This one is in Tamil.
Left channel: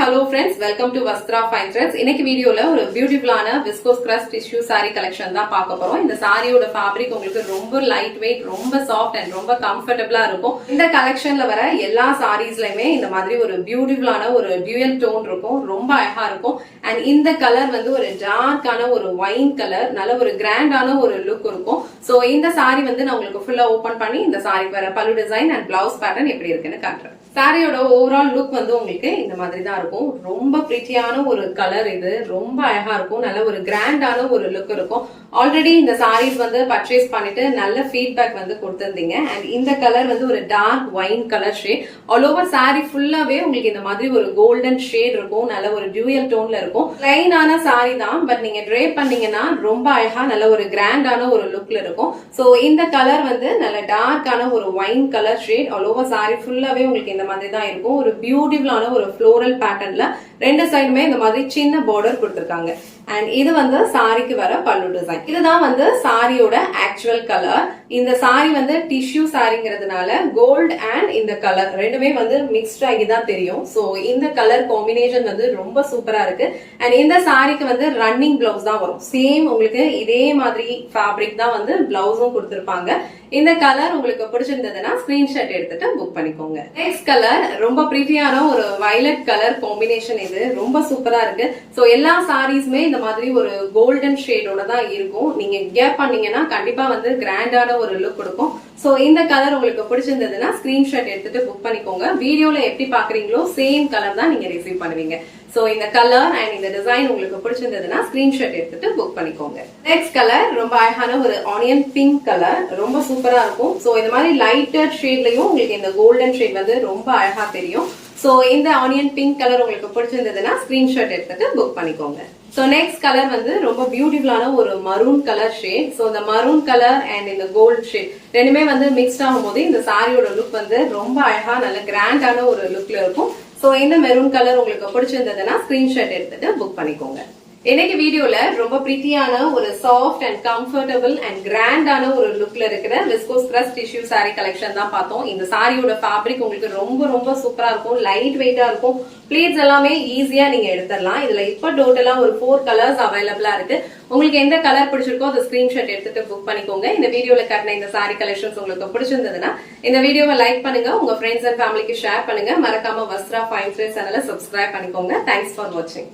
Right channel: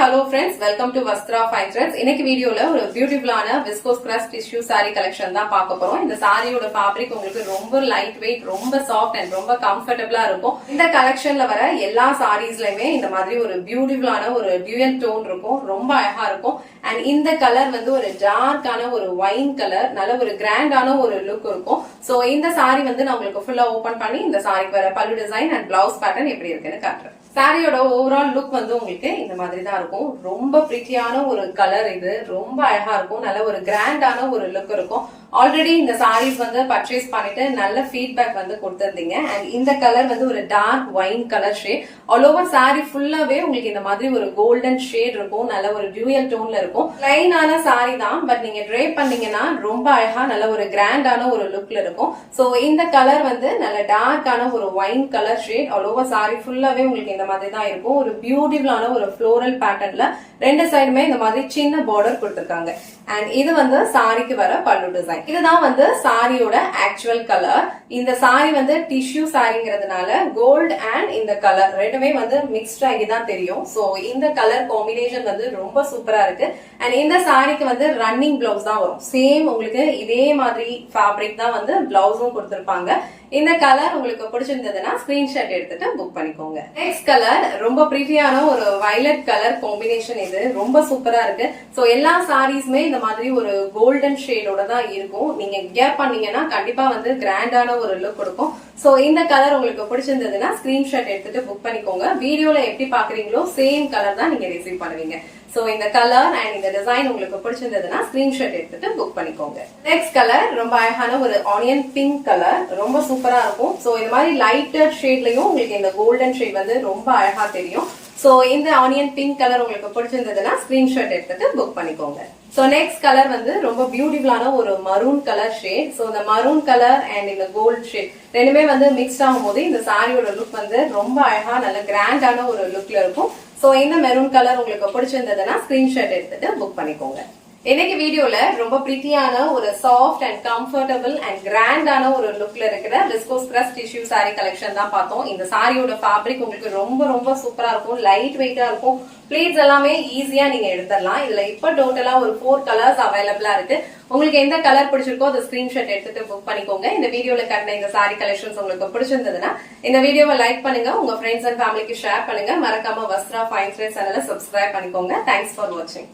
hello friends, welcome to Vastra Fine Threads. இன்னைக்கு வீடியோல ஒரு பியூட்டிஃபுல்லான viscose crush tissue saree collection தான் பார்க்க போறோம். இந்த சாரியோட ஃபேப்ரிக் உங்களுக்கு ரொம்ப லைட் வெயிட், ரொம்ப சாஃப்ட் அண்ட் ரொம்ப கம்ஃபர்டபிளா இருக்கும். இந்த கலெக்ஷன்ல வர எல்லா சாரீஸ்லயுமே இந்த மாதிரி ஒரு பியூட்டிஃபுல்லான ஒரு டியூயல் டோன் இருக்கும், ரொம்ப அழகா இருக்கும். அண்ட் இந்த கலர் வந்து ஒரு டார்க்கான ஒரு வைன் கலர், நல்ல ஒரு கிராண்டான ஒரு லுக் இருக்கும். சோ இந்த சாரி வந்து நான் உங்களுக்கு ஃபுல்லா ஓபன் பண்ணி இந்த சாரிக்கு வர பல்லு டிசைன் அண்ட் பிளவுஸ் பேட்டர்ன் எப்படி இருக்குன்னு காட்டுறேன். சாரியோட ஓவரால் லுக் வந்து உங்களுக்கு இந்த மாதிரி தான் இருக்கும். ரொம்ப பிரிட்டியான ஒரு கலர், இது ரொம்ப அழகா இருக்கும், நல்ல ஒரு கிராண்டான ஒரு லுக் இருக்கும். ஆல்ரெடி இந்த சாரீஸ் வந்து பர்ச்சேஸ் பண்ணிட்டு நல்ல ஃபீட்பேக் வந்து கொடுத்திருந்தீங்க. அண்ட் இந்த கலர் வந்து ஒரு dark wine colour shade. All over sari ஃபுல்லாவே உங்களுக்கு இந்த மாதிரி ஒரு கோல்டன் ஷேட் இருக்கும், நல்ல ஒரு டியூயல் டோன்ல இருக்கும். பிளைனான சாரி தான், பட் நீங்க ட்ரேப் பண்ணீங்கன்னா ரொம்ப அழகா நல்ல ஒரு கிராண்டான ஒரு லுக்ல இருக்கும். சோ இந்த கலர் வந்து நல்ல டார்க்கான ஒரு wine colour shade. All over sari ஃபுல்லாவே உங்களுக்கு இந்த மாதிரி தான் இருக்கும். ஒரு பியூட்டிஃபுல்லான ஒரு ஃப்ளோரல் பேட்டர்ன்ல ரெண்டு சைடுமே இந்த மாதிரி சின்ன பார்டர் கொடுத்திருக்காங்க. அண்ட் இது வந்து சாரிக்கு வர பல்லு டிசைன். இதுதான் வந்து சாரியோட ஆக்சுவல் கலர். இந்த சாரி வந்து டிஷ்யூ சாரிங்கிறதுனால கோல்ட் அண்ட் இந்த கலர் ரெண்டுமே வந்து மிக்ஸ்ட் ஆகி தான் தெரியும். சோ இந்த கலர் காம்பினேஷன் வந்து ரொம்ப சூப்பரா இருக்கு. அண்ட் இந்த சாரிக்கு வந்து ரன்னிங் பிளவுஸ் தான் வரும். சேம் உங்களுக்கு இதே மாதிரி ஃபேப்ரிக் தான் வந்து பிளவுஸும் கொடுத்திருப்பாங்க. இந்த கலர் உங்களுக்கு பிடிச்சிருந்ததுன்னா ஸ்கிரீன்ஷாட் எடுத்துட்டு புக் பண்ணிக்கோங்க. நெக்ஸ்ட் கலர் ரொம்ப பிரிட்டியான ஒரு வயலட் கலர் காம்பினேஷன். இது ரொம்ப சூப்பரா இருக்கு. சோ எல்லா சாரீஸ்மே இந்த மாதிரி ஒரு கோல்டன் ஷேடோட தான் இருக்கும். நீங்க கேப் பண்ணீங்கன்னா கண்டிப்பா வந்து கிராண்டான ஒரு லுக் கொடுக்கும். சோ இந்த கலர் உங்களுக்கு பிடிச்சிருந்ததுன்னா ஸ்கிரீன்ஷாட் எடுத்துட்டு புக் பண்ணிக்கோங்க. வீடியோல எப்படி பாக்குறீங்களோ சேம் கலர் தான் நீங்க ரிசீவ் பண்ணுவீங்க. சோ இந்த கலர் அண்ட் இந்த டிசைன் உங்களுக்கு பிடிச்சிருந்ததுன்னா ஸ்கிரீன்ஷாட் எடுத்துட்டு புக் பண்ணிக்கோங்க. நெக்ஸ்ட் கலர் ரொம்ப அழகான ஒரு ஆனியன் பிங்க் கலர், ரொம்ப சூப்பரா இருக்கும். சோ இந்த மாதிரி லைட்டர் ஷேட்லயும் உங்களுக்கு இந்த கோல்டன் ஷேட் வந்து ரொம்ப அழகா தெரியும். சோ இந்த ஆனியன் பிங்க் கலர் உங்களுக்கு பிடிச்சிருந்ததுன்னா ஸ்கிரீன்ஷாட் எடுத்துட்டு புக் பண்ணிக்கோங்க. சோ நெக்ஸ்ட் கலர் வந்து ரொம்ப பியூட்டிஃபுல்லான ஒரு மரூன் கலர் ஷேட். சோ இந்த மரூன் கலர் அண்ட் இந்த கோல்ட் ஷேட் ரெண்டுமே வந்து மிக்ஸ்ட் ஆகும் போது இந்த சாரியோட லுக் வந்து ரொம்ப அழகா நல்ல கிராண்டான ஒரு லுக்ல இருக்கும். சோ இந்த மெரூன் கலர் உங்களுக்கு பிடிச்சிருந்ததுன்னா ஸ்கிரீன்ஷாட் எடுத்துட்டு புக் பண்ணிக்கோங்க. இன்னைக்கு வீடியோல ரொம்ப பிரிட்டியான ஒரு சாஃப்ட் அண்ட் கம்ஃபர்டபிள் அண்ட் கிராண்டான ஒரு லுக்ல இருக்கிற viscose crush tissue sorry collection தான் பார்த்தோம். இந்த சாரியோட ஃபேப்ரிக் உங்களுக்கு ரொம்ப ரொம்ப சூப்பரா இருக்கும், லைட் வெயிட்டா இருக்கும். பிளீட்ஸ் எல்லாமே ஈஸியா நீங்க எடுத்துடலாம். இதுல இப்ப டோட்டலா ஒரு 4 கலர்ஸ் அவைலபிளா இருக்கு. உங்களுக்கு எந்த கலர் பிடிச்சிருக்கோ அதை ஸ்கிரீன்ஷாட் எடுத்துட்டு புக் பண்ணிக்கோங்க. இந்த வீடியோல காட்டின இந்த சாரி கலெக்ஷன்ஸ் உங்களுக்கு பிடிச்சிருந்ததுன்னா இந்த வீடியோவை லைக் பண்ணுங்க, உங்க ஃப்ரெண்ட்ஸ் அண்ட் ஃபேமிலிக்கு ஷேர் பண்ணுங்க. மறக்காம வஸ்த்ரா ஃபைன் த்ரெட்ஸ் சேனலை சப்ஸ்கிரைப் பண்ணிக்கோங்க. தேங்க்ஸ் ஃபார் வாட்சிங்.